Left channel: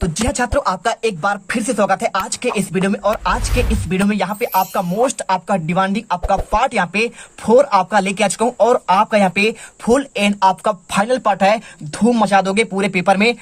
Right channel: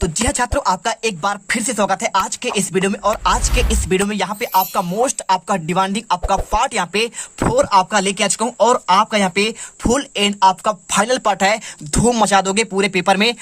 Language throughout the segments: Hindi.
तो जी हाँ छात्रों, आपका एक बार फिर से स्वागत है आज के इस वीडियो में। और आज के इस वीडियो में यहाँ पे आपका मोस्ट आपका डिमांडिंग आपका पार्ट यहाँ पे 4 आपका लेके आ चुका हूँ। और आपका यहाँ पे फुल एंड आपका फाइनल पार्ट है। धूम मचा दोगे पूरे पेपर में।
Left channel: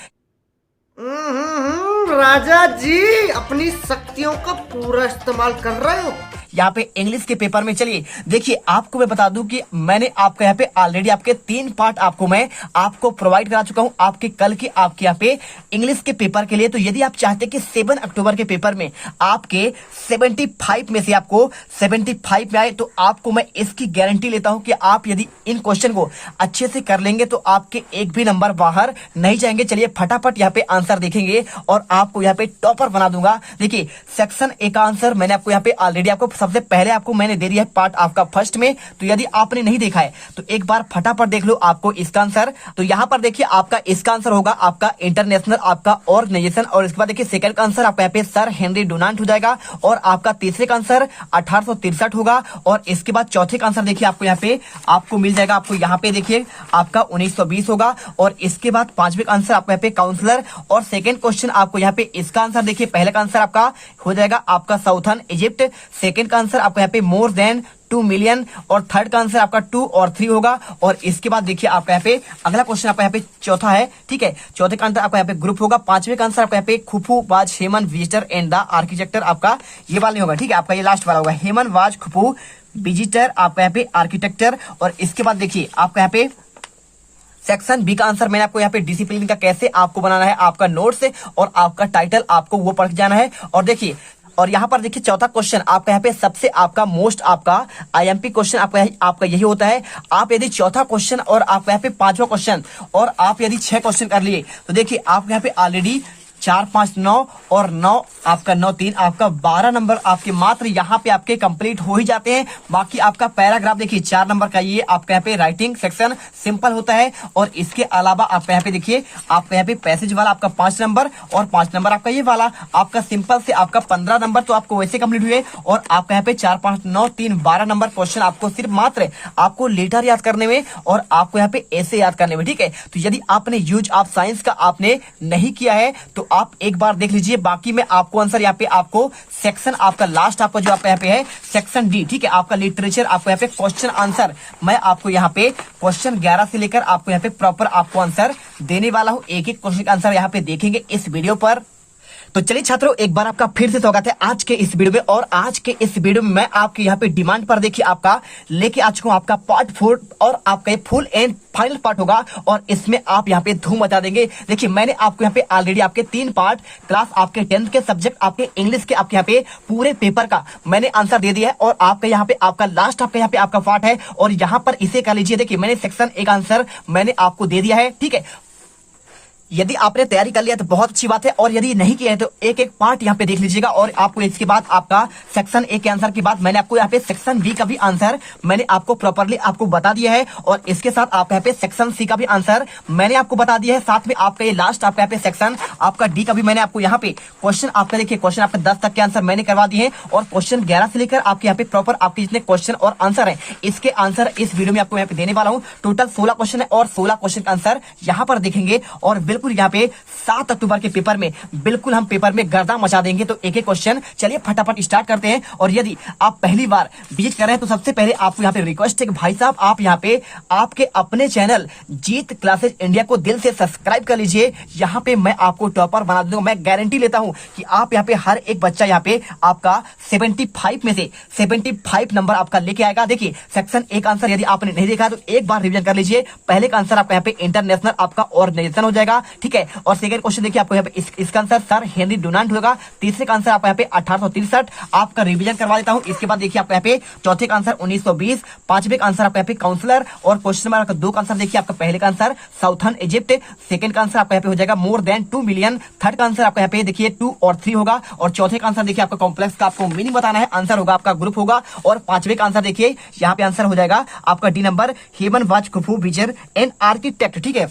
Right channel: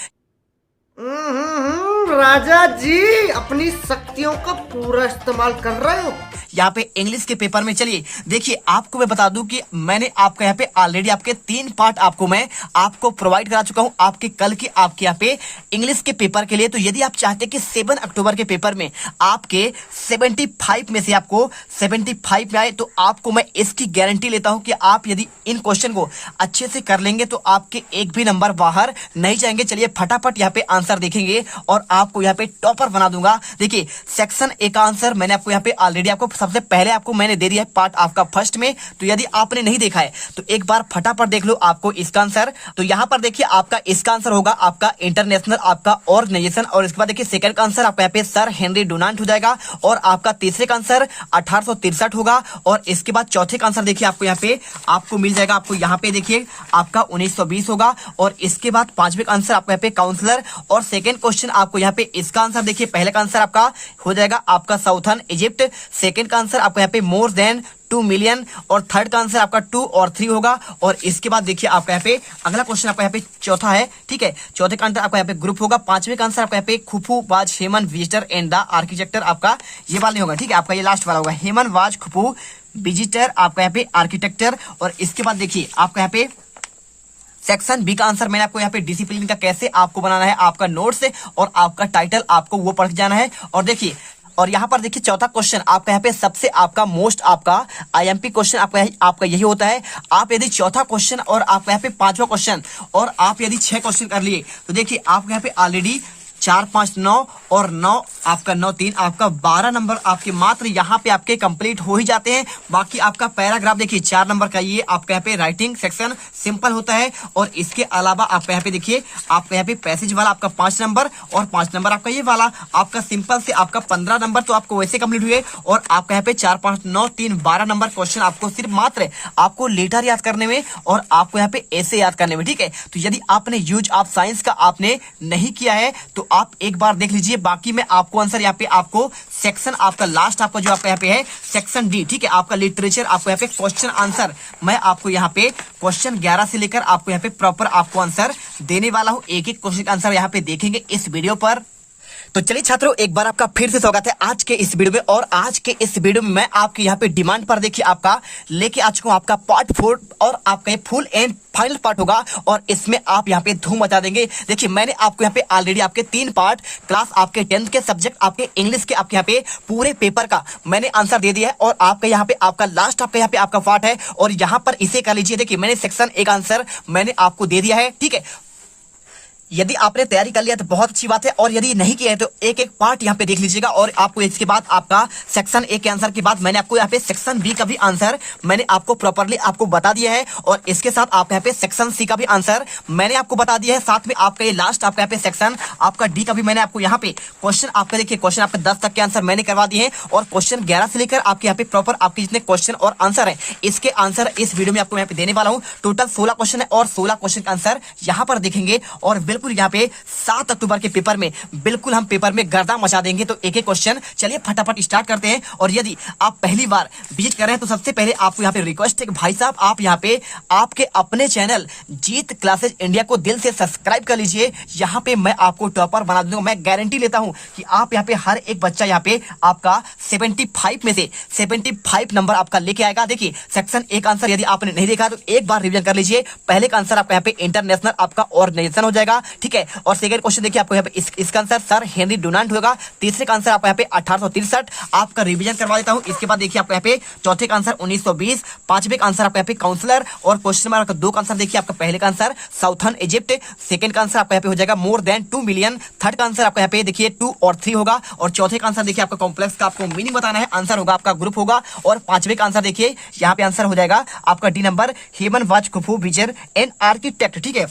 राजा जी अपनी शक्तियों का पूरा इस्तेमाल कर रहे हो यहाँ पे इंग्लिश के पेपर में। चलिए देखिए, आपको मैं बता दूं कि मैंने आपका यहाँ पे ऑलरेडी आपके 3 पार्ट आपको मैं आपको प्रोवाइड करा चुका हूँ आपके कल के आपके यहाँ पे इंग्लिश के पेपर के लिए। तो यदि आप चाहते हैं कि 7 अक्टूबर के पेपर में आपके 75 में से आपको 75 में आए, तो आपको मैं इसकी गारंटी लेता हूं कि आप यदि इन क्वेश्चन को अच्छे से कर लेंगे तो आपके एक भी नंबर बाहर नहीं जाएंगे। चलिए फटाफट यहाँ पे आंसर देखेंगे और आपको यहाँ पे टॉपर बना दूंगा। देखिए सेक्शन ए का आंसर मैंने आपको यहाँ पे ऑलरेडी आपको सबसे पहले आपको मैंने दे दिया है पार्ट आपका फर्स्ट में। तो यदि आपने नहीं देखा है तो एक बार फटाफट देख लो आपको इसका आंसर। तो यहाँ पर देखिए आपका इसका आंसर होगा आपका इंटरनेशनल आपका ऑर्गेनाइजेशन। और इसके बाद देखिए सेकंड का आंसर आपका यहाँ पे सर हेनरी डुनांट हो जाएगा। और आपका तीसरे का आंसर 1863 होगा। और इसके बाद चौथे का आंसर देखिए आपको यहाँ पे आपको मिल जाएगा, आपको यहाँ पे देखिए आपका 1920 होगा। और इसके बाद पांचवे का आंसर आपको यहाँ पे काउंसलर। और सेकंड क्वेश्चन आपको यहाँ पे इसका आंसर देखिए, पहले का आंसर आपका हो जाएगा आपका साउथर्न इजिप्ट। सेकंड का आंसर आपको यहाँ पे मोर देन 2 मिलियन। और थर्ड का आंसर आपका 2 और 3 होगा। और इसके बाद देखिए आपका यहाँ पे अगला क्वेश्चन आपका यहाँ पे चौथा है, ठीक है। चौथे का आंसर आपका यहाँ पे ग्रुप होगा। पांचवे का आंसर आपका यहाँ पे Khufu was Hemon visitor and the architect, आपका ये वाला नहीं होगा, ठीक है। आपका ये लास्ट वाला होगा, हेमन वाज खुफू विजिटर आपका यहाँ पे आर्किटेक्चर। और इसके बाद देखिए आपका यहाँ पे सेक्शन बी का आंसर मैंने आपको यहाँ पे डिसिप्लिन का कैसे आपको बनाना है आपका नोट्स और आपका टाइटल आपको वो पढ़ जाना है। और देखिए और यहाँ पर देखिए चौथा क्वेश्चन आपका यहाँ पे सबसे आपका मोस्ट आपका आईएमपी क्वेश्चन आपका यही होता है। आप यदि चौथा क्वेश्चन और आपका यहाँ पे पांचवा क्वेश्चन और आप यदि 6 क्वेश्चन कर लिए तो देखिए आपके यहाँ पे ऑलरेडी 4 5 9 और 9 आपका 9 3 आपका 12 नंबर आपके मात्र यहाँ पे आपके कंप्लीट हो ही जाते हैं। बाकी आपका पैराग्राफ देखिए 4 नंबर का ये आपका यहाँ पे राइटिंग सेक्शन सिंपल होता है। और इसके अलावा आपका यहाँ पे देखिए आपका यहाँ पे पैसेज वाला आपका 5 नंबर और 5 नंबर आपका ये वाला आपका सिंपल से आपका 15 नंबर तो आपको वैसे कंप्लीट हुए। और आपका यहाँ पे 4 5 9 3 12 नंबर क्वेश्चन आपको सिर्फ मात्र आपको लेटर याद करने में और आपको यहाँ पे ऐसे याद करने में, ठीक है। तो यदि आपने यूज ऑफ साइंस का आपने नहीं किया है तो आप एक बार देख लीजिए। बाकी में आपको आंसर यहाँ पे आपको सेक्शन आपका लास्ट आपका जो आपका यहाँ पे है सेक्शन डी, ठीक है। आपका लिटरेचर आपको यहाँ पे क्वेश्चन आंसर मैं आपको यहाँ पे क्वेश्चन 11 से लेकर आपको यहाँ पे प्रॉपर आपको आंसर देने वाला हूँ। एक एक क्वेश्चन का आंसर यहाँ पे देखेंगे इस वीडियो पर। तो चलिए छात्रों, एक बार आपका फिर से स्वागत है आज के इस वीडियो में। और आज के इस वीडियो में मैं आपके यहाँ पे डिमांड पर देखिए आपका लेके आ चुका हूँ आपका पार्ट 4 और आपका ये फुल एंड फाइनल पार्ट होगा। और इसमें आप यहाँ पे धूम मचा देंगे। देखिए मैंने आपको यहाँ पे ऑलरेडी आपके 3 पार्ट क्लास आपके 10th के सब्जेक्ट आपके इंग्लिश के आपके यहाँ पे पूरे पेपर का मैंने आंसर दे दिया है। और आपका यहाँ पे आपका लास्ट आपका यहाँ पे आपका पार्ट है। और यहाँ पर इसे कर लीजिए। देखिए मैंने सेक्शन एक आंसर मैंने आपको दे दिया है, ठीक है। यदि आपने तैयारी कर लिया तो बहुत अच्छी बात है। और यदि नहीं किया है तो एक एक पार्ट यहाँ पे देख लीजिएगा। और आपको इसके बाद आपका सेक्शन ए के आंसर के बाद मैंने आपको यहाँ पे सेक्शन बी का भी आंसर मैंने आपको प्रॉपर्ली आपको बता दिया है। और इसके साथ आप यहाँ पे सेक्शन सी का भी आंसर मैंने आपको बता दिया है। साथ में आपका ये लास्ट आपका यहाँ पे सेक्शन आपका डी का भी मैंने आपको यहाँ पे क्वेश्चन आपका देखिए क्वेश्चन आपके 10 तक के आंसर मैंने करवा दिए हैं। और क्वेश्चन 11 से लेकर आपके यहाँ पे प्रॉपर आपके जितने क्वेश्चन और आंसर है इसके आंसर इस वीडियो में आपको यहाँ पे देने वाला हूँ। टोटल 16 क्वेश्चन है और 16 क्वेश्चन का आंसर यहाँ पर देखेंगे। और बिल्कुल यहाँ पे 7 अक्टूबर के पेपर में बिल्कुल हम पेपर में गर्दा मचा देंगे। तो एक एक क्वेश्चन चलिए फटाफट स्टार्ट करते हैं। और यदि आप पहली बार विजिट कर रहे हैं तो सबसे पहले आपको यहाँ पे रिक्वेस्ट है कि भाई साहब आप यहाँ पे आपके अपने चैनल जीत क्लासेज इंडिया को दिल से सब्सक्राइब कर लीजिए। यहाँ पे मैं आपको टॉपर बना दूंगा। मैं गारंटी लेता हूँ कि आप यहाँ पे हर एक बच्चा यहाँ पे आपका 75 में से 75 नंबर आपका लेके आएगा। देखिए सेक्शन एक आंसर यदि आपने नहीं देखा तो एक बार रिवीजन कर लीजिए। पहले का आंसर आपका यहाँ पे इंटरनेशनल आपका ऑर्गेनाइजेशन हो जाएगा, ठीक है। और सेकंड क्वेश्चन देखिए आपको यहाँ पे इसका आंसर सर हेनरी डुनांट होगा। तीसरे का आंसर आपका यहाँ पे 1863 आपका रिवीजन करवा देता हूँ। इसके बाद देखिए आपका यहाँ पे चौथे का आंसर 1920, पांचवे का आंसर आपका यहाँ पे काउंसलर। और क्वेश्चन नंबर 2 का आंसर देखिए आपका पहले का आंसर साउथर्न इजिप्ट। सेकंड का आंसर आपका यहाँ पे हो जाएगा मोर देन 2 मिलियन। थर्ड का आंसर आपका यहाँ पे देखिए 2 और 3 होगा। और चौथे का आंसर देखिए आपका कॉम्प्लेक्स का आपको मीनिंग बताना है, आंसर होगा आपका ग्रुप होगा। और पांचवे का आंसर देखिए यहाँ पे आंसर हो जाएगा आपका d number, Hemiunu was Khufu vizier and architect, ठीक है।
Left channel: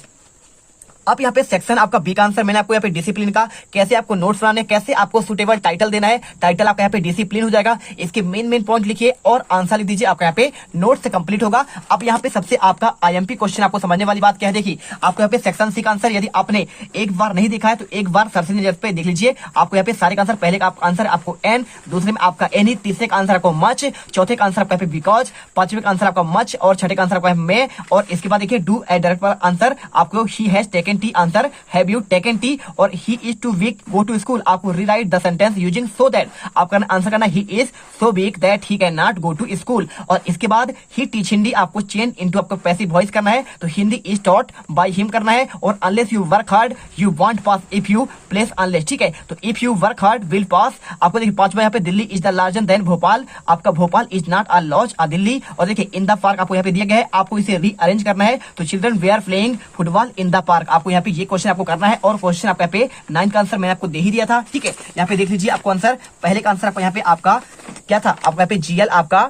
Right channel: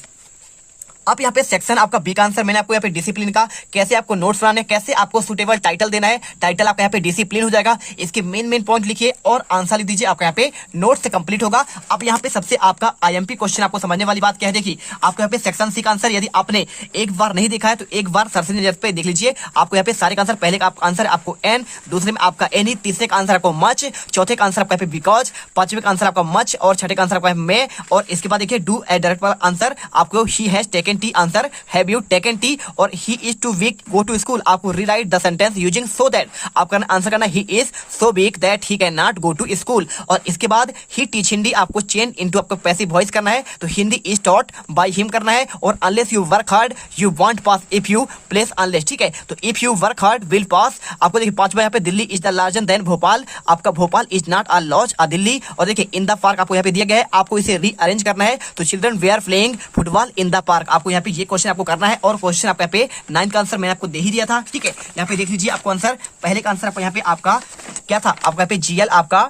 अब यहाँ पे सेक्शन आपका बी का आंसर मैंने आपको यहाँ पे डिसिप्लिन का, कैसे आपको नोट्स बनाने, कैसे आपको सुटेबल टाइटल देना है, टाइटल आपका यहाँ पे डिसिप्लिन हो जाएगा। इसके मेन पॉइंट लिखिए और आंसर लिख दीजिए, आपका यहाँ पे नोट से कंप्लीट होगा। अब यहाँ पे सबसे आपका आईएमपी क्वेश्चन आपको समझने वाली बात क्या है, देखिए आपको यहाँ पे सेक्शन सी का आंसर यदि आपने एक बार नहीं देखा है तो एक बार सरसरी नजर पे देख लीजिए। आपको यहाँ पे सारे का आंसर, पहले का आंसर आपको एन, दूसरे में आपका एनी, तीसरे का आंसर आपको मच, चौथे का आंसर आपका यहाँ पे बिकॉज, पांचवें का आंसर आपका मच और छठे का आंसर आपका मे, और इसके बाद देखिए डू ए डायरेक्ट वाला आंसर आपको he has taken tea, answer have you taken tea, और he is too weak go to school, आपको rewrite the sentence using so that, आपका आंसर करना he is so weak that he can not go to school. और इसके बाद ही टीच हिंदी आपको चेंज इनटू आपको पैसिव वॉइस करना है, तो Hindi is taught by him करना है, और unless you work hard you won't pass if you place unless, ठीक है। तो if you work hard will pass. आपको देखिए पांचवा यहाँ पे Delhi is the larger than Bhopal, आपका Bhopal is not as large as Delhi. और देखिए इन द पार्क आपको यहाँ पे दिया गया है, आपको इसे रीअरेंज करना है, तो children we are playing football in the park, आपको यहाँ पे ये क्वेश्चन आपको करना है। और क्वेश्चन आपको यहाँ पे 9 का आंसर मैंने आपको दे ही दिया था, ठीक है। यहाँ पे देख लीजिए आपको आंसर, पहले का आंसर आपको यहाँ पे आपका क्या था, आपका यहाँ पे जीएल आपका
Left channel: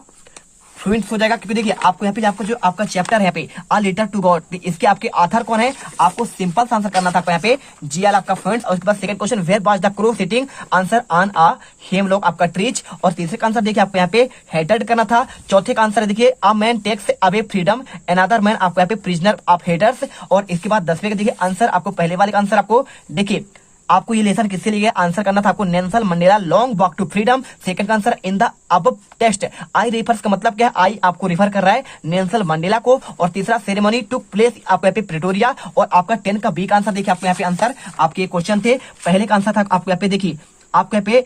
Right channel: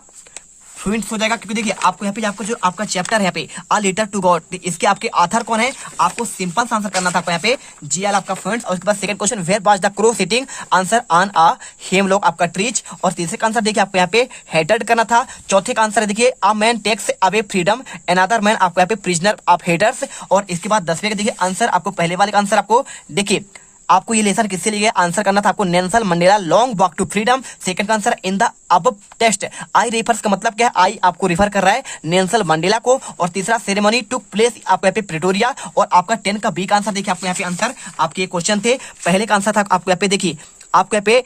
फ्लुएंट हो जाएगा, क्योंकि देखिए आपको यहाँ पे आपको जो आपका चैप्टर है यहाँ पे अ लेटर टू गॉड, इसके आपके ऑथर कौन है, आपको सिंपल सा आंसर करना था आपको यहाँ पे जीएल आपका फ्लुएंट। और उसके बाद second question where was the crow sitting, answer on a hemlock आपका ट्रीज। और तीसरे का आंसर देखिए आपको यहाँ पे हेटेड करना था। चौथे का आंसर देखिए a man takes away freedom another man, आपको यहाँ पे प्रिजनर ऑफ हेटर्स। और इसके बाद 10वें का देखिए आंसर, आपको पहले वाले का आंसर आपको देखिए आपको ये लेसन किससे लिए आंसर करना था, आपको Nelson Mandela long walk to freedom. Second का आंसर इन द अब टेस्ट, आई रेफर्स का मतलब क्या है, आई आपको रिफर कर रहा है नेल्सन मंडेला को। और तीसरा सेरेमनी टू प्लेस आपको यहाँ पे प्रिटोरिया। और आपका 10 का बी का आंसर देखिए आपको यहाँ पे आंसर, आपके ये क्वेश्चन थे, पहले का आंसर था आपको यहाँ पे देखिए आपको यहाँ पे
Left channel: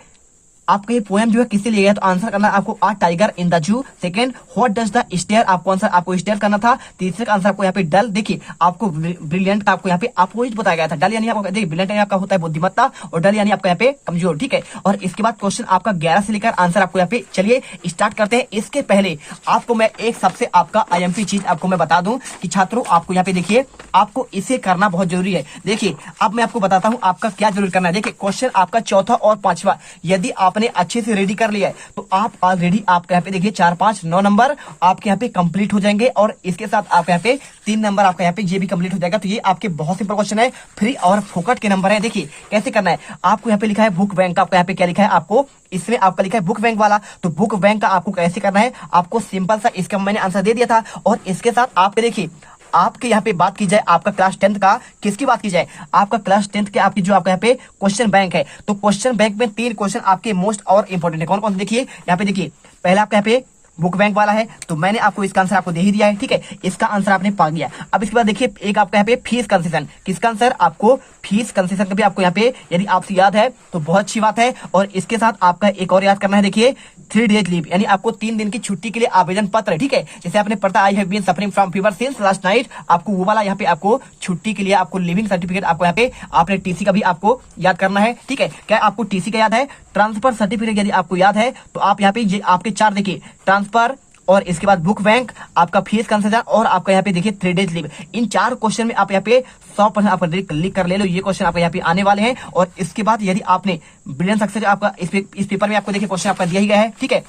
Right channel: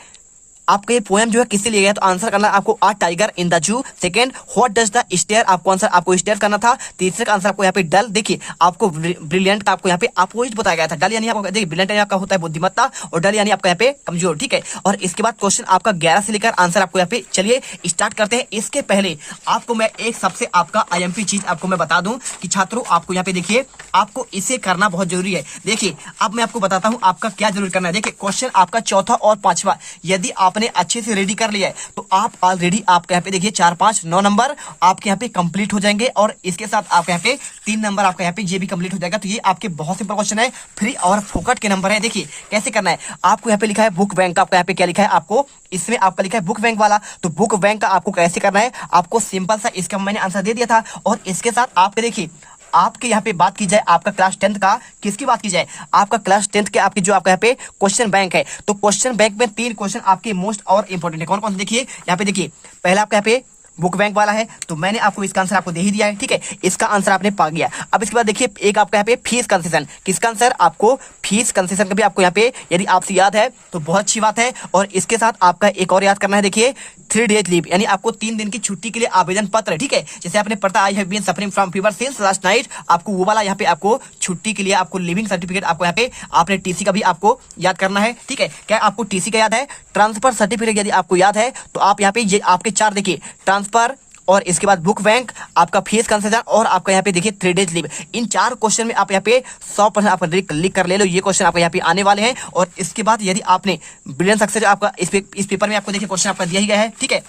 आपका ये पोएम जो है किससे लिया गया, तो आंसर करना है आपको a tiger in the zoo. Second what does the stare, आपको आंसर आपको स्टेयर करना था। तीसरे का आंसर आपको यहाँ पे डल, देखिए आपको ब्रिलियंट का आपको यहाँ पे अपोजिट बताया गया था। डल यानी आपको देखिए ब्रिलियंट यानी आपका होता है बुद्धिमत्ता, और डल यानी आपका यहाँ पे कमजोर, ठीक है। और इसके बाद क्वेश्चन आपका 11 से लेकर आंसर आपको यहाँ पे, चलिए स्टार्ट करते हैं। इसके पहले आपको मैं एक सबसे आपका आईएमपी चीज आपको मैं बता दूं कि छात्रों आपको यहाँ पे देखिए आपको इसे करना बहुत जरूरी है। देखिए अब मैं आपको बताता हूँ आपका क्या जरूर करना है। देखिए क्वेश्चन आपका चौथा और पांचवा यदि आपने अच्छे से रेडी कर लिया है तो आप ऑलरेडी आपके यहाँ पे देखिए 4, 5, 9 नंबर आपके यहाँ पे कंप्लीट हो जाएंगे। और इसके साथ आपके यहाँ पे 3 नंबर आपका यहाँ पे ये भी कंप्लीट हो जाएगा। तो ये आपके बहुत सिंपल क्वेश्चन है, फ्री और फोकट के नंबर है। देखिए कैसे करना है, आपको यहाँ पे लिखा है बुक बैंक का, आपको यहाँ पे क्या लिखा है, आपको इसमें आपका लिखा है बुक बैंक वाला। तो बुक बैंक का आपको कैसे करना है, आपको सिंपल सा इसका मैंने आंसर दे दिया था। और इसके साथ आपके देखिए आपके यहाँ पे बात की जाए आपका क्लास 10th का, किसकी बात की जाए, आपका क्लास 10th के आपकी जो आपका यहाँ पे क्वेश्चन बैंक है, तो क्वेश्चन बैंक में 3 क्वेश्चन आपके मोस्ट और इंपॉर्टेंट है। कौन कौन से देखिए यहाँ पे देखिए, पहला आपका यहाँ पे बुक बैंक वाला है, तो मैंने आपको इसका आंसर आपको दे ही दिया है, ठीक है। इसका आंसर आपने पा गया। अब इसके बाद देखिए एक आपका यहाँ पे फीस कंसेशन, किसका आंसर, आपको फीस कंसेशन का भी आपको यहाँ पे यदि आपसे याद है तो बहुत अच्छी बात है। और इसके साथ आपका एक और याद करना है, देखिए 3 डेज लीव, यानी आपको 3 दिन की छुट्टी के लिए आवेदन पत्र, ठीक है। जैसे आपने पढ़ता I have been suffering from fever since last night, आपको वो वाला यहाँ पे आपको छुट्टी के लिए आपको लिविंग सर्टिफिकेट आपको यहाँ पे आपने टीसी का भी आपको याद करना है, ठीक है। क्या आपको टीसी का याद है, ट्रांसफर सर्टिफिकेट यदि आपको याद है तो आप यहाँ पे ये आपके 4 देखिए ट्रांसफर, और इसके बाद बुक बैंक, आपका फीस कंसेशन, और आपका यहाँ पे देखिए 3 डेज लीव। इन 4 क्वेश्चन में आप यहाँ पे 100% आप लिख कर ले लो, ये क्वेश्चन आपको यहाँ पे आने वाले हैं। और इसके बाद यदि आपने ब्रिलियंट सक्सेस आपका इस पेपर में आपको देखिए क्वेश्चन आपका दिया ही गया है, ठीक है।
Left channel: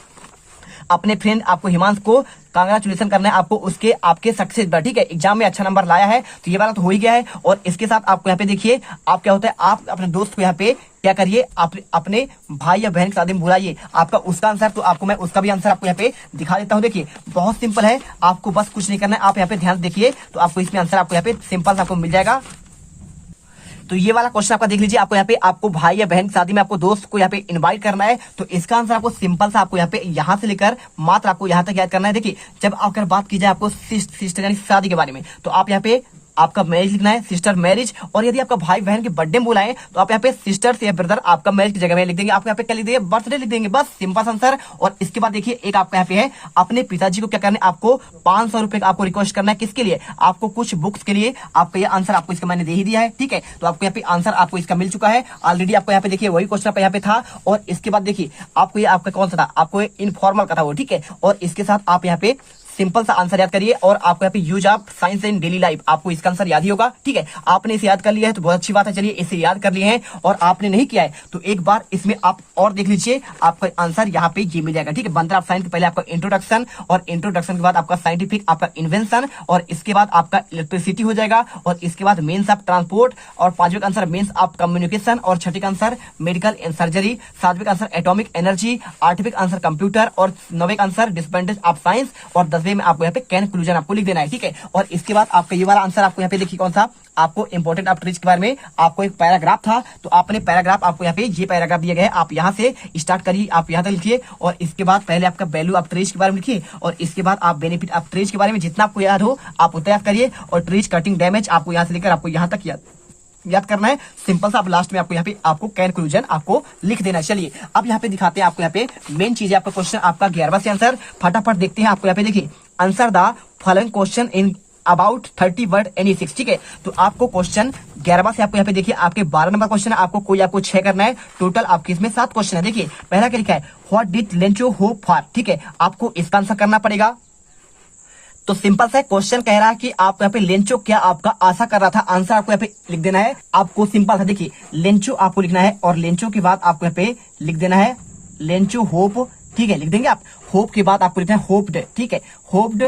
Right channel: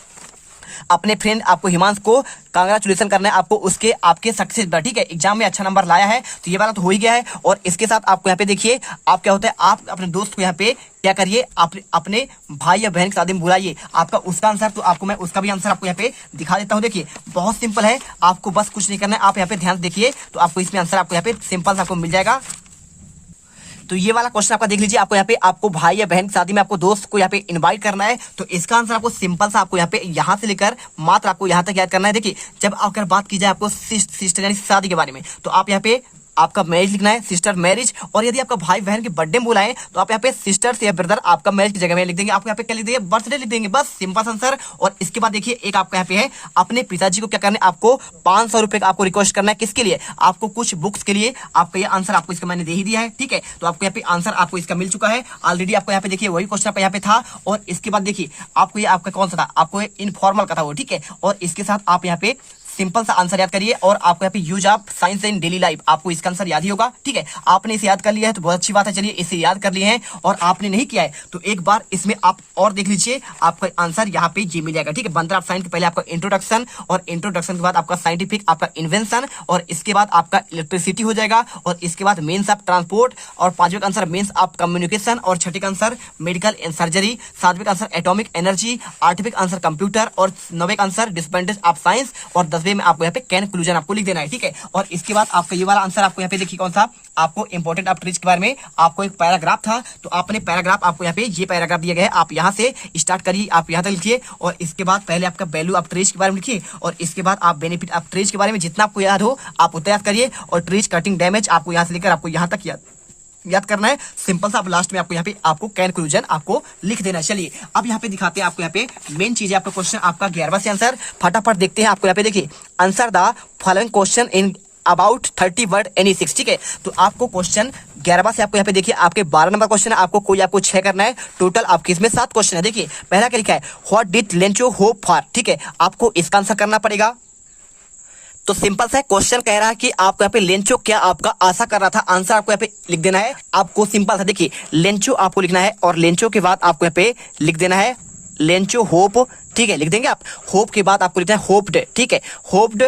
अपने फ्रेंड आपको हिमांश को कांग्रेचुलेशन करना है आपको उसके आपके सक्सेस पर, ठीक है। एग्जाम में अच्छा नंबर लाया है तो ये वाला तो हो ही गया है। और इसके साथ आपको यहाँ पे देखिए आप क्या होता है, आप अपने दोस्त को यहाँ पे क्या करिए, आप अपने भाई या बहन की शादी में बुलाइए। आपका उसका आंसर तो आपको मैं उसका भी आंसर आपको यहाँ पे दिखा देता हूँ। देखिए बहुत सिंपल है, आपको बस कुछ नहीं करना है, आप यहाँ पे ध्यान देखिए तो आपको इसमें आंसर आपको यहाँ पे सिंपल आपको मिल जाएगा। तो ये वाला क्वेश्चन आपका देख लीजिए, आपको यहाँ पे आपको भाई या बहन की शादी में आपको दोस्त को यहाँ पे इनवाइट करना है, तो इसका आंसर आपको सिंपल सा आपको यहाँ पे यहाँ से लेकर मात्र आपको यहाँ तक याद करना है। देखिए जब अगर बात की जाए आपको सिस्टर यानी शादी के बारे में, तो आप यहाँ पे आपका मैरिज लिखना है, सिस्टर मैरिज। और यदि आपका भाई बहन के बर्थडे में बुलाएं तो आप यहाँ पे सिस्टर्स या ब्रदर आपका मैरिज की जगह में लिख देंगे, आपको यहाँ पे क्या लिख देंगे, बर्थडे लिख देंगे, बस सिंपल आंसर। और इसके बाद देखिए एक आपका यहाँ पे है, अपने पिताजी को क्या करना है, आपको 500 रुपए का आपको रिक्वेस्ट करना है, किसके लिए, आपको कुछ बुक्स के लिए। आपका ये आंसर आपको इसका मैंने दे ही दिया है, ठीक है। तो आपको यहाँ पे आंसर आपको इसका मिल चुका है ऑलरेडी। आपको यहाँ पे देखिए वही क्वेश्चन आपका यहाँ पे था। और इसके बाद देखिए आपको ये आपका कौन सा था, आपको इनफॉर्मल का था वो, ठीक है। और इसके साथ आप यहाँ पे सिंपल सा आंसर याद करिए और आपको यहाँ पे use of science in daily life, आपको इसका आंसर याद ही होगा। ठीक है, आपने इसे याद कर लिया है तो बहुत अच्छी बात है। चलिए इसे याद कर लिए हैं और आपने नहीं किया है तो एक बार इसमें आप और देख लीजिए, आपका आंसर यहाँ पे जी मिल जाएगा। ठीक है, बनता है साइंस के पहले आपका इंट्रोडक्शन और इंट्रोडक्शन के बाद आपका साइंटिफिक, आपका इन्वेंशन और इसके बाद आपका इलेक्ट्रिसिटी हो जाएगा और इसके बाद मेंस ऑफ ट्रांसपोर्ट और पांचवें का आंसर मेंस ऑफ कम्युनिकेशन और छठे का आंसर मेडिकल एंड सर्जरी, सातवें का आंसर एटॉमिक एनर्जी, आठवें का आंसर कंप्यूटर और नौवें का आंसर डिपेंडेंस ऑफ साइंस और 10वें में आपको यहाँ पे कंक्लूजन आपको लिख देना है। ठीक है, और इसके बाद आपका ये वाला आंसर आपको यहाँ पे देखिए कौन सा, आपको इंपॉर्टेंट ऑफ ट्रीज के बारे में आपको एक पैराग्राफ था तो आपने पैराग्राफ, आपको यहाँ पे ये पैराग्राफ दिया गया है, आप यहाँ से स्टार्ट करिए, आप यहाँ तक लिखिए और इसके बाद पहले आपका वैल्यू ऑफ ट्रीज के बारे में लिखिए और इसके बाद आप बेनिफिट ऑफ ट्रीज के बारे में जितना आपको याद हो आप उतना याद करिए और ट्रीज कटिंग डैमेज आपको यहाँ से लेकर आपको यहाँ तक याद करना है। सिंपल सा, आप लास्ट में आपको यहाँ पे आपको कंक्लूजन आपको लिख देना है। चलिए अब यहाँ पे दिखाते हैं आपको यहाँ पे मेन चीज है, आपका क्वेश्चन आपका 11वां से आंसर फटाफट देखते हैं। आपको यहाँ पे देखिए answer the following question in about 30 word any 6। ठीक है, तो आपको क्वेश्चन 11वां से आपको यहाँ पे देखिए आपके 12 नंबर क्वेश्चन है, आपको 6 करना है, टोटल आपके इसमें 7 क्वेश्चन है। देखिए पहला क्या लिखा है, what did Lencho hope for. ठीक है, आपको इसका आंसर करना पड़ेगा। तो सिंपल सा क्वेश्चन कह रहा है कि आपको यहाँ पे लेंचो क्या आपका आशा कर रहा था, आंसर आपको यहाँ पे लिख देना है। आपको सिंपल सा देखिए लेंचो आपको लिखना है और लेंचो के बाद आपको यहाँ पे लिख देना है लेंचो होप। ठीक है, लिख देंगे आप। होप के बाद आपको लिखना है होप्ड। ठीक है, hoped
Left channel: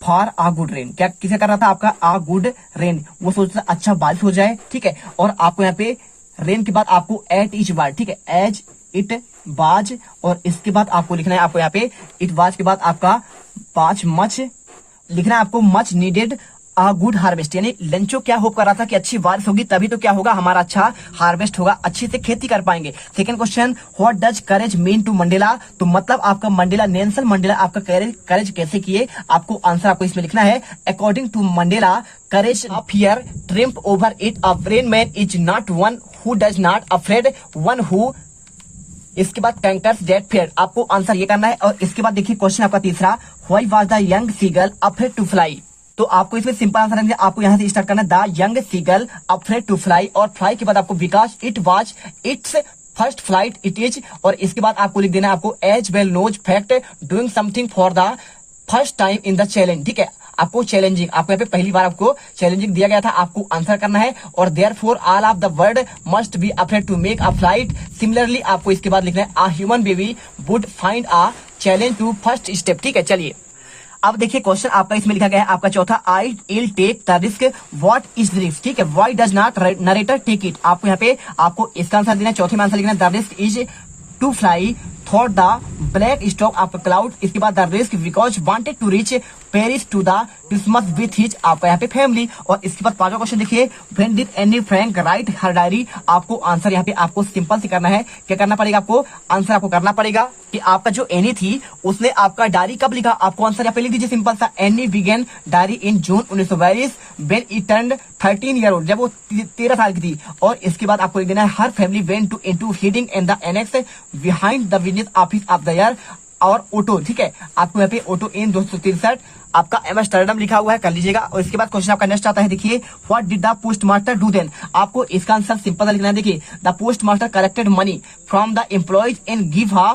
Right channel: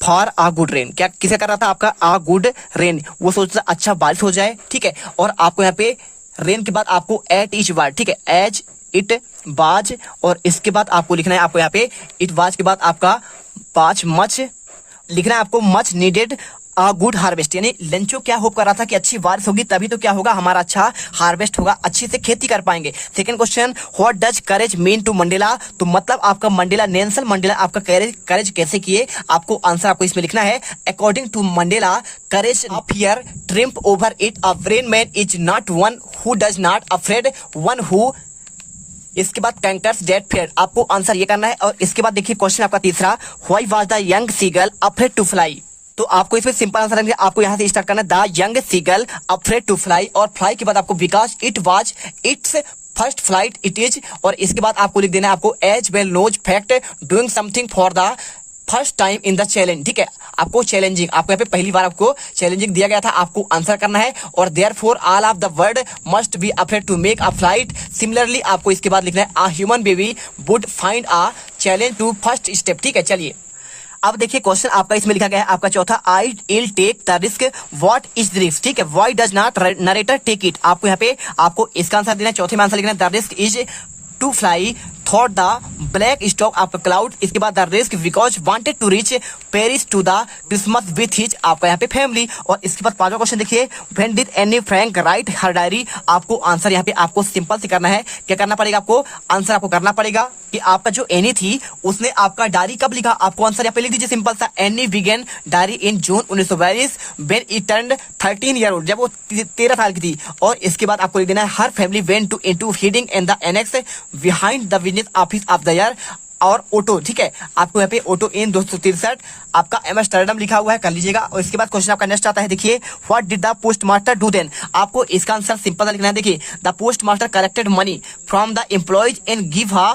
for uh good rain, क्या किसे कर रहा था आपका आ गुड रेन, वो सोचता अच्छा बारिश हो जाए। ठीक है, और आपको यहाँ पे रेन के बाद आपको एट इच वाज। ठीक है, एज इट वाज और इसके बाद आपको लिखना है आपको यहाँ पे इट वाज के बाद आपका 5 मच लिखना है, आपको much needed a good harvest, यानी लेंचो क्या होप कर रहा था कि अच्छी बारिश होगी तभी तो क्या होगा हमारा अच्छा हार्वेस्ट होगा, अच्छी से खेती कर पाएंगे। Second question, what does courage mean to Mandela, तो मतलब आपका मंडेला, नेल्सन मंडेला आपका करेज कैसे किए, आपको आंसर आपको इसमें लिखना है। According to Mandela courage of fear triumph over it, a brave man is not one who does not afraid, one who, इसके बाद कंकर्स डेट फेयर, आपको आंसर ये करना है। और इसके बाद देखिए क्वेश्चन आपका तीसरा, why was the young seagull afraid to fly, तो आपको इसमें सिंपल आंसर है, आपको यहां से स्टार्ट करना है the young seagull afraid to fly और फ्लाई के बाद आपको because it was its first flight it is, और इसके बाद आपको लिख देना है आपको as well knows fact doing something for the first time in the challenge. ठीक है, आपको चैलेंजिंग, आपको यहाँ पे पहली बार आपको चैलेंजिंग दिया गया था, आपको आंसर करना है। और therefore all of the world must be afraid to make a flight, similarly आपको इसके बाद लिखना है a human baby would find a challenge to first step. ठीक है, चलिए अब देखिए क्वेश्चन आपका इसमें लिखा गया है आपका चौथा, I will take the risk, what is the risk. ठीक है, why does not narrator take it, आपको यहाँ पे आपको इसका आंसर देना है। चौथे में आंसर लिखना है the risk is to fly thought the black stock of cloud, इसके बाद the risk because wanted to reach Paris to the Christmas with his, आपका यहाँ पे फैमिली। और इसके बाद पांचवा क्वेश्चन देखिए, when did Anne Frank right her diary, आपको आंसर यहाँ पे आपको सिंपल से करना है। क्या करना पड़ेगा आपको, आंसर आपको करना पड़ेगा कि आपका जो एनी थी उसने आपका डायरी कब लिखा, आपको आंसर यहाँ पे लिख दीजिए सिंपल सा, Anne began diary in June 1942 when it turned 13 year old, जब वो 13 साल की थी। और इसके बाद आपको लिख देना है her family went to into feeding and the annex behind the business office of the year और ऑटो। ठीक है, आपको यहाँ पे ऑटो इन 263 आपका एम्स्टर्डम लिखा हुआ है, कर लीजिएगा। और इसके बाद क्वेश्चन आपका नेक्स्ट आता है, देखिए what did the post master do then, आपको इसका आंसर सिंपल लिखना है। देखिए the post master collected money from the employees and give a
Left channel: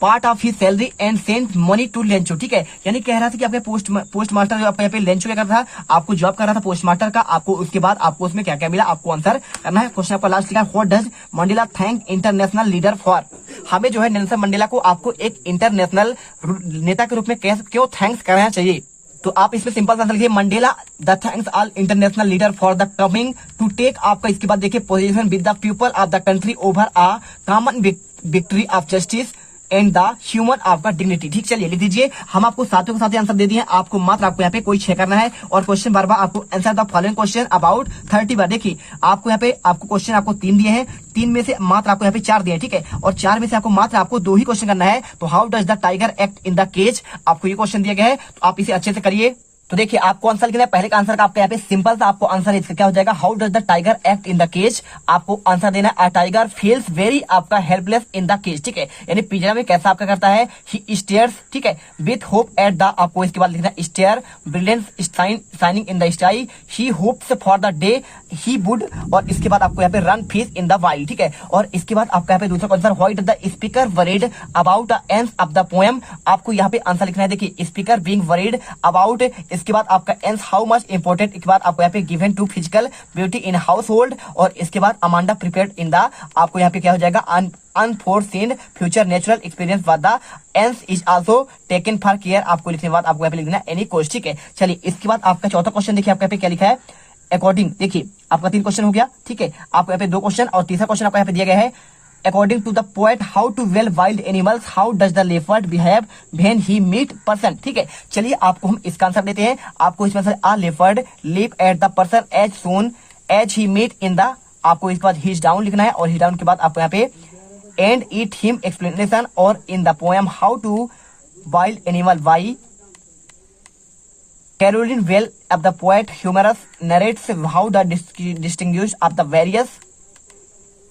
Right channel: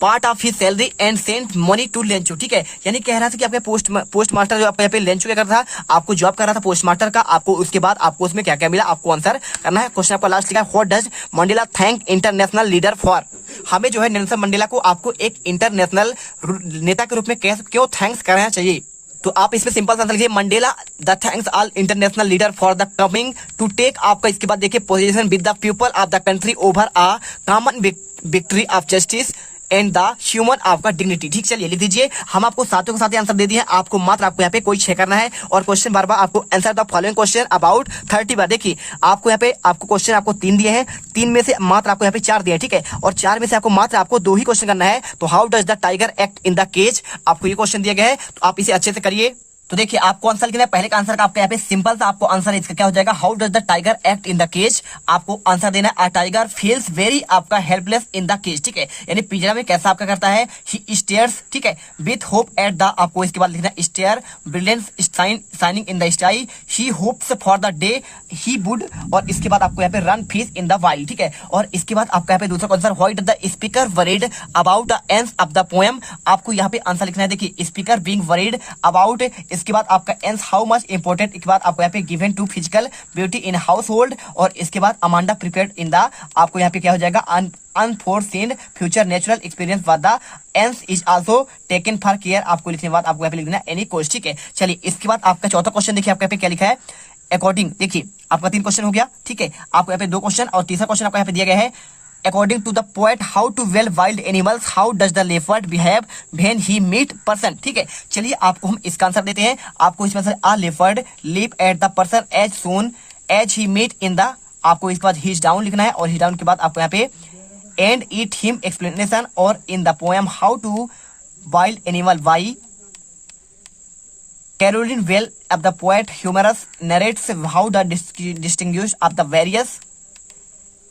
part of his salary and sent money to Lencho. ठीक है, यानी कह रहा था कि आपके पोस्ट मास्टर जो आपका यहाँ पे लेंचो क्या कर रहा था, आपको जॉब कर रहा था पोस्ट मास्टर का, आपको उसके बाद आपको उसमें क्या क्या मिला आपको आंसर करना है। क्वेश्चन आपका लास्ट लिखा है, what does Mandela thank international leader for, हमें जो है नेल्सन मंडेला को आपको एक इंटरनेशनल नेता के रूप में क्यों थैंक्स करना चाहिए, तो आप इसमें सिंपल आंसर लिखिए Mandela the thanks all international leader for the coming to take, आपका इसके बाद देखिए position with the people of the country over a common victory of justice and the human आपका डिग्निटी। ठीक, चलिए लिख दीजिए। हम आपको सातों के साथ आंसर दे दिए, आपको मात्र आपको यहाँ पे कोई छह करना है और क्वेश्चन बार बार आपको answer the following question about 30 बार। देखिए आपको यहाँ पे आपको क्वेश्चन आपको 3 दिए हैं, 3 में से मात्र आपको यहाँ पे 4 दिए हैं। ठीक है, और 4 में से आपको मात्र आपको 2 ही क्वेश्चन करना है। तो how does the tiger act in the cage, आपको ये क्वेश्चन दिया गया है, तो आप इसे अच्छे से करिए। तो देखिए आपको आंसर लिखना है, पहले का आंसर का आपका यहाँ पे सिंपल सा आपको आंसर इसका क्या हो जाएगा, how does the tiger act in the cage. आपको आंसर देना है, अ टाइगर फील्स वेरी आपका हेल्पलेस इन द केज, ठीक है, यानी पिंजरा में कैसा आपका करता है, ही स्टेयर्स, ठीक है, विथ होप एट द, आपको इसके बाद लिखना है stare brilliance shining in the sky, he hopes for the day he would, और इसके बाद आपको यहाँ पे run fish in the wild, ठीक है, और इसके बाद आपका यहाँ पे दूसरा answer, why does the speaker worried about the ends of the poem. आपको यहाँ पे आंसर लिखना है, देखिए स्पीकर बीइंग वरीड अबाउट, इसके बाद आपका एंड्स हाउ मच इंपोर्टेंट, इसके बाद आपको यहाँ पे given to physical beauty in household, और इसके बाद अमांडा प्रिपेयर्ड इन द, आपको यहाँ पे क्या हो जाएगा, unforeseen future natural experience but the ants is also taken for care. आपको लिखने के बाद आपको यहाँ पे लिखना एनी कोर्स, ठीक है। चलिए इसके बाद आपका चौथा क्वेश्चन देखिए आपको यहाँ पे क्या लिखा है, अकॉर्डिंग, देखिए आपका 3 क्वेश्चन हो गया, ठीक है, आपको यहाँ पे 2 क्वेश्चन और तीसरा क्वेश्चन आपको यहाँ पे दिया गया है, according to the poet how to well wild animals, how does the leopard behave when he meet person, ठीक है। चलिए आपको हम इसका आंसर देते हैं, आपको इसमें से a leopard live at the person as soon as he meet in the, आपको इसके बाद हिज डाउन लिखना है, और हिज डाउन के बाद आपको यहाँ पे एंड इट हिम एक्सप्लेनेशन, और in the poem how to wild animal why Caroline well of the poet humorous narrates how the distinguish of the various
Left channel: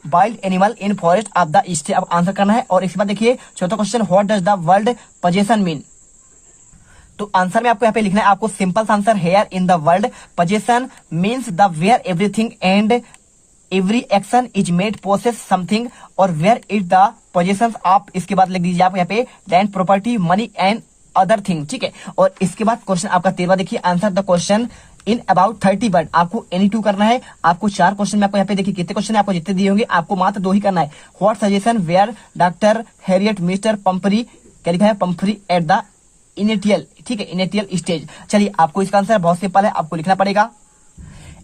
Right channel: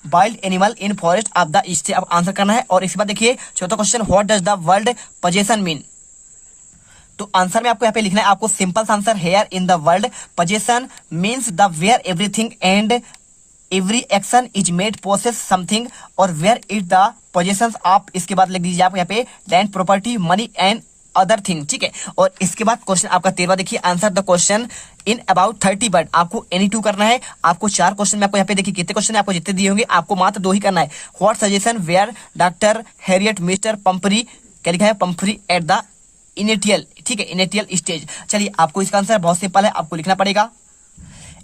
wild animal in forest of the east, अब आंसर करना है। और इसके बाद देखिए चौथा question, what does the world possession mean. तो आंसर में आपको यहाँ पे लिखना है, आपको simple answer, here in the world possession means the where everything and every action is made possess something, और where is the possession of, इसके बाद लिख दीजिए आप यहाँ पे land property money and other thing, ठीक है। और इसके बाद क्वेश्चन आपका 13वां देखिए, answer the question in about 30 word. आपको एनी 2 करना है, आपको 4 क्वेश्चन में आपको यहाँ पे देखिए कितने क्वेश्चन है, आपको जितने दिए होंगे आपको मात्र 2 ही करना है। What suggestion were doctor Herriot mister Pumphrey, क्या लिखा है, पंपरी एट द इनिटियल, ठीक है, इनिटियल स्टेज। चलिए आपको इसका आंसर बहुत सिंपल है, आपको लिखना पड़ेगा,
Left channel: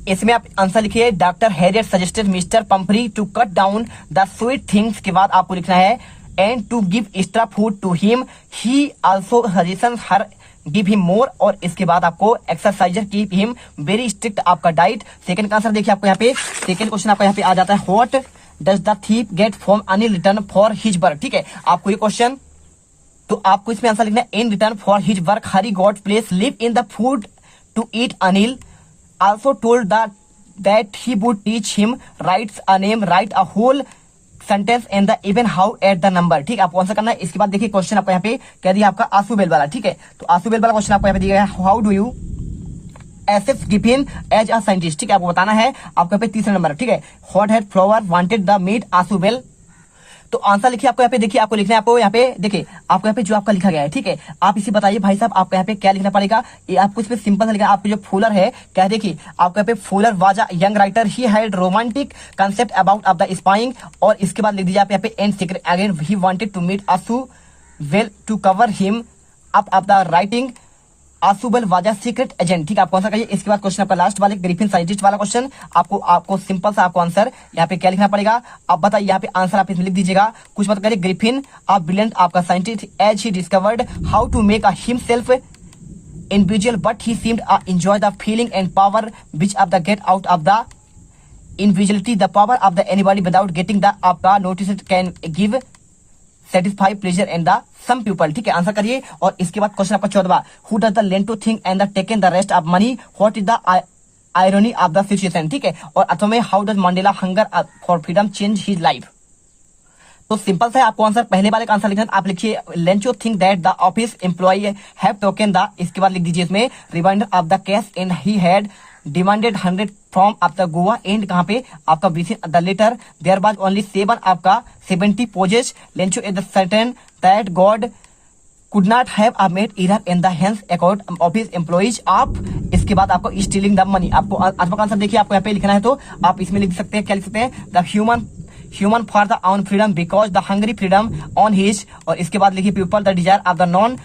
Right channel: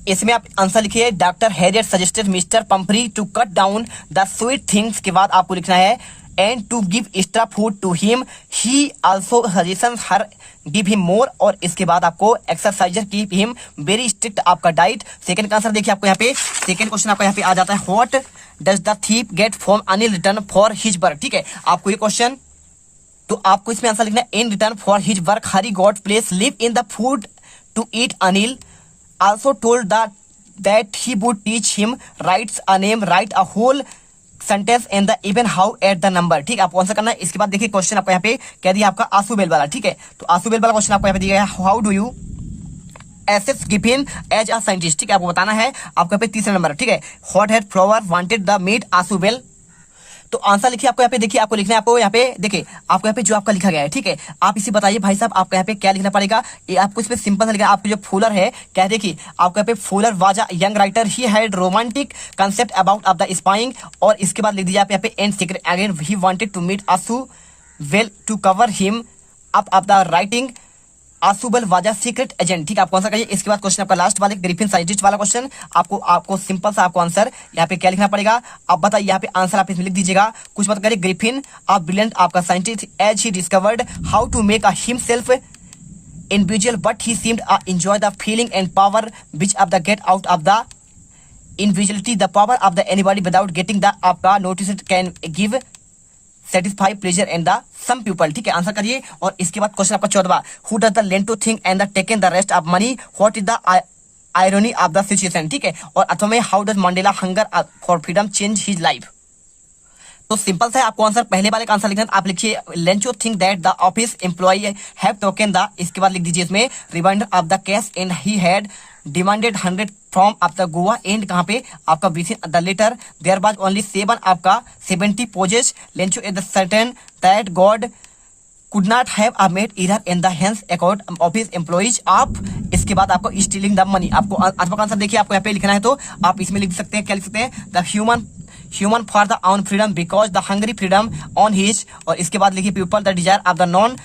इसमें आप आंसर लिखिए, doctor Herriot suggested mister Pumphrey to cut down the sweet things, के बाद आपको लिखना है and to give extra food to him, he also suggestion her give him more, और इसके बाद आपको exerciser keep him very strict आपका डाइट। सेकंड का आंसर देखिए आपको यहाँ पे, सेकंड क्वेश्चन आपको यहाँ पे आ जाता है, what does the thief get from Anil return for his work, ठीक है। आपको ये क्वेश्चन, तो आपको इसमें आंसर लिखना है, in return for his work Hari got place live in the food to eat Anil also told that he would teach him writes a name write a whole sentence and the even how at the number, ठीक है। आपको आंसर करना है। इसके बाद देखिए क्वेश्चन आपको यहाँ पे कह दिया आपका आंसू-बेल वाला, ठीक है। तो आंसू-बेल वाला क्वेश्चन आपको यहाँ पे दिया है, how do you assess given as a scientist, ठीक है। आपको बताना है, आपको यहाँ पे 3रा नंबर, ठीक है, what had flower wanted the meat आंसू-बेल। तो आंसर लिखिए आपको यहाँ पे, देखिए आपको लिखना है, आपको यहाँ पे देखिए आपको यहाँ पे जो आपका लिखा गया है, ठीक है। आप इसे बताइए भाई साहब, आपको यहाँ पे क्या लिखना पड़ेगा, ये आपको इसमें सिंपल सा लिखना है। आपको जो फूलर है, क्या देखिए आपको यहाँ पे Fuller was a young writer, he had romantic concept about of the spying, और इसके बाद लिख दीजिए आप यहाँ पे and secret again he wanted to meet Answell to cover him up of the writing Answell was a secret agent, ठीक है। आपको आंसर करिए। इसके बाद क्वेश्चन आपका लास्ट वाले ग्रिफिन साइंटिस्ट वाला क्वेश्चन, आपको सिंपल सा आपको आंसर यहाँ पे क्या लिखना पड़ेगा, आप बताइए, यहाँ पे आंसर आप इसमें लिख दीजिएगा, कुछ मत करिए, ग्रिफिन अ ब्रिलियंट आपका scientist as he discovered how to make a himself individual but he seemed a enjoy the feeling and power which of the get out of the individuality the power of the anybody without getting the आपका notice can give satisfy pleasure and the some people, ठीक है। आंसर करिए। और इसके बाद क्वेश्चन आपका 14वां, who does the land to think and the taken the rest of money, what is the irony of the situation, ठीक है। और अथवा में how does Mandela hunger for freedom change his life. तो सिंपल सा है, आपको आंसर पहले वाले का आंसर लिखना है, आप लिखिए Lencho think that the office employee have taken the, इसके बाद लिख दीजिए इसमें reminder of the cash and he had demanded 100 from of the Goa and, कहाँ पे आपका within the letter there was only 7 आपका 70 pesos Lencho at the certain that God could not have made error in the hands account office employees of, इसके बाद आपको स्टीलिंग द मनी। आपको आंसर आंसर देखिए, आपको यहाँ पे लिखना है, तो आप इसमें लिख सकते हैं, क्या लिख सकते हैं, the human for the on freedom because the hungry freedom on his, और इसके बाद लिखिए people the desire of the non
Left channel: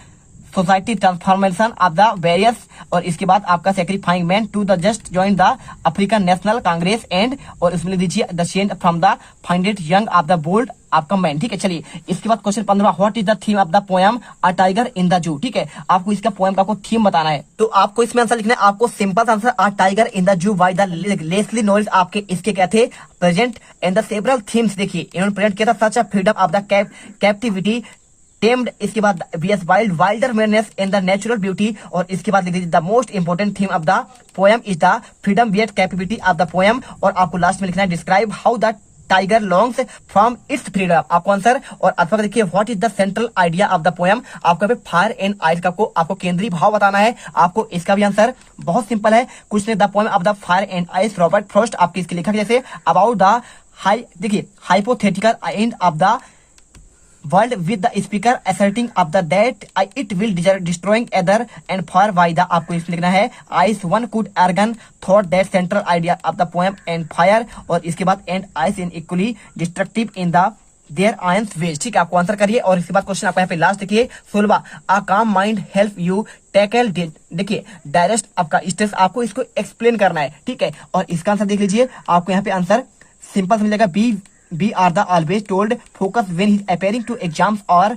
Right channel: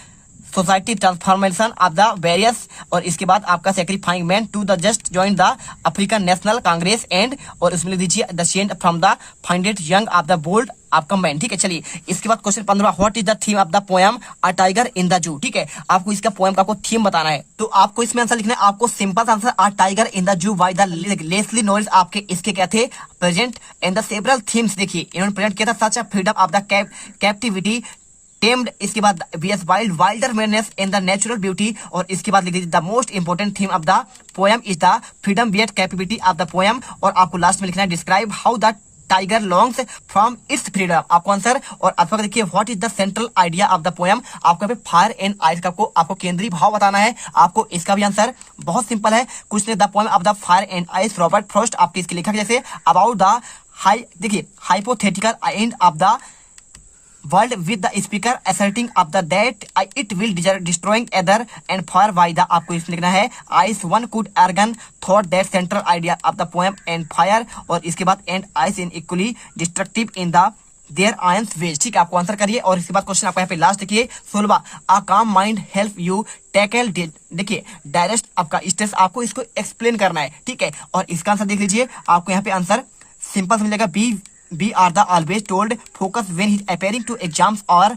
society transformation of the various, और इसके बाद आपका sacrificing man to the just join the African National Congress and, और इसमें लिख दीजिए the saint from the founded young of the bold आपका मैन, ठीक है। चलिए इसके बाद question 15, what is the theme of the poem a tiger in the जू, ठीक है। आपको इसका पोएम का थीम बताना है, तो आपको इसमें आंसर लिखना है, आपको simple answer, a tiger in the zoo by the Leslie Norris. आपके इसके क्या थे, present and the several themes, देखिए इन्होंने प्रेजेंट किया था, such a freedom of the captivity tamed, इसके बाद BS wild wilderness in the natural beauty, और इसके बाद लिख दीजिए the most important theme of the poem is the freedom वियट कैपेबिलिटी ऑफ द पोएम, और आपको लास्ट में लिखना है describe how the tiger longs from its freedom, आपको आंसर। और अथवा देखिए what is the central idea of the poem, आपको यहाँ पे फायर एंड आइस का आपको केंद्रीय भाव बताना है। आपको इसका भी आंसर बहुत सिंपल है, कुछ नहीं, the poem of the fire and ice Robert Frost, आपकी इसकी लिखा जैसे अबाउट द हाई, देखिए hypothetical end of the world with the speaker asserting of the that it will destroying other and far by the, आपको इसमें लिखना है ice one could argon thought that central idea of the poem and fire, और इसके बाद and ice in equally destructive in the their ions ways, ठीक है, आपको आंसर करिए। और इसके बाद क्वेश्चन आपको यहाँ पे लास्ट देखिए 16, a calm mind help you tackle, देखिए डायरेक्ट आपका स्ट्रेस, आपको इसको एक्सप्लेन करना है, ठीक है। और इसका आंसर देख लीजिए, आपको यहाँ पे आंसर सिंपल से मिलेगा be are the always told focus when he appearing to exams, और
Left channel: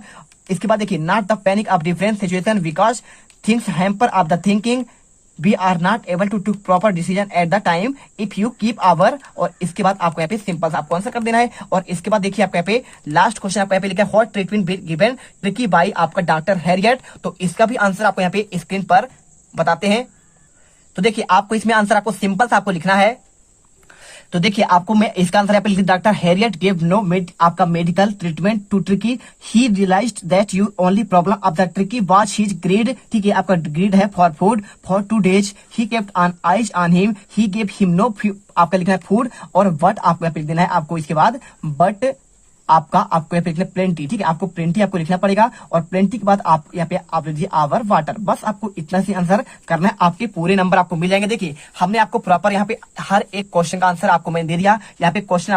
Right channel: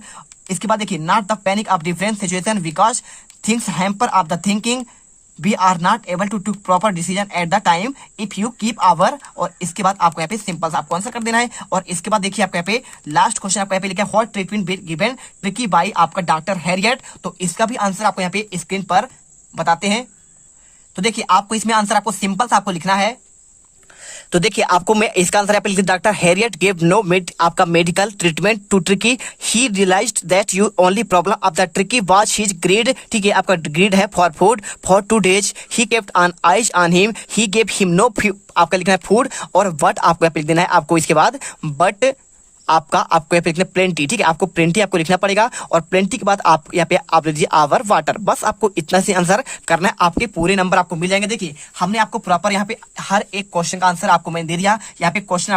इसके बाद देखिए not the panic of different situation because things hamper of the thinking, we are not able to take proper decision at the time if you keep our, और इसके बाद आपको यहाँ पे सिंपल सा आपको आंसर कर देना है। और इसके बाद देखिए आपको यहाँ पे लास्ट क्वेश्चन आपको यहाँ पे लिखा है what treatment given tricky by आपका डॉक्टर हैरियट, तो इसका भी आंसर आपको यहाँ पे स्क्रीन पर बताते हैं। तो देखिए आपको इसमें आंसर आपको सिंपल सा आपको लिखना है, तो देखिए आपको मैं इसका आंसर यहाँ पे लिख दिया, डॉक्टर हैरियट गेव नो आपका medical treatment to Tricki, he realised that you only problem of the Tricki was his greed, ठीक है, आपका ग्रीड है for food for 2 days he kept on eyes on him, he gave him no आपका लिखना है फूड, और बट आपको यहाँ पे लिख देना है आपको इसके बाद बट आपको यहाँ पे लिखना प्लेंटी, ठीक है, आपको प्लेंटी आपको लिखना पड़ेगा, और प्लेंटी के बाद आप यहाँ पे आप लीजिए आवर वाटर, बस आपको इतना से आंसर करना है, आपके पूरे नंबर आपको मिल जाएंगे। देखिए हमने आपको प्रॉपर यहाँ पे हर एक क्वेश्चन का आंसर आपको मैंने दे दिया, यहाँ पे क्वेश्चन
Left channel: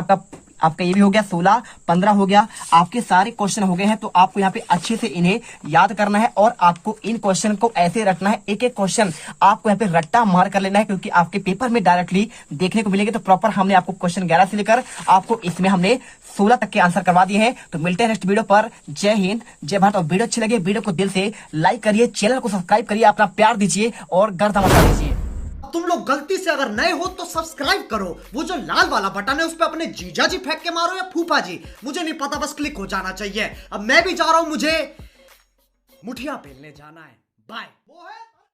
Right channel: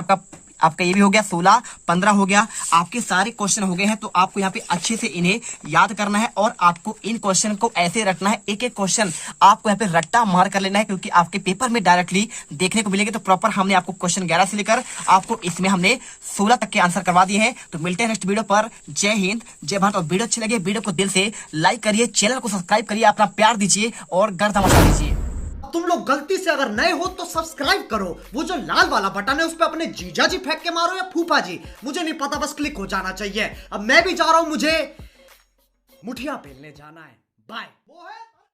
आपका ये भी हो गया 16, 15 हो गया, आपके सारे क्वेश्चन हो गए हैं। तो आपको यहाँ पे अच्छे से इन्हें याद करना है, और आपको इन क्वेश्चन को ऐसे रखना है, एक एक क्वेश्चन आपको यहाँ पे रट्टा मार कर लेना है, क्योंकि आपके पेपर में डायरेक्टली देखने को मिलेंगे। तो प्रॉपर हमने आपको क्वेश्चन 11 से लेकर आपको इसमें हमने 16 तक के आंसर करवा दिए हैं। तो मिलते हैं नेक्स्ट वीडियो पर। जय हिंद, जय भारत। और वीडियो अच्छी लगे वीडियो को दिल से लाइक करिए, चैनल को सब्सक्राइब करिए, अपना प्यार दीजिए और गर्दा मचा दीजिए। तुम लोग गलती से अगर नए हो तो सब्सक्राइब करो, वो जो लाल वाला बटन है उस पे अपने जीजा जी फेंक के मारो या फूफा जी, मुझे नहीं पता, बस क्लिक हो जाना चाहिए। अब मैं भी जा रहा हूं, मुझे मुठिया पेलने जाना है। बाय। वो है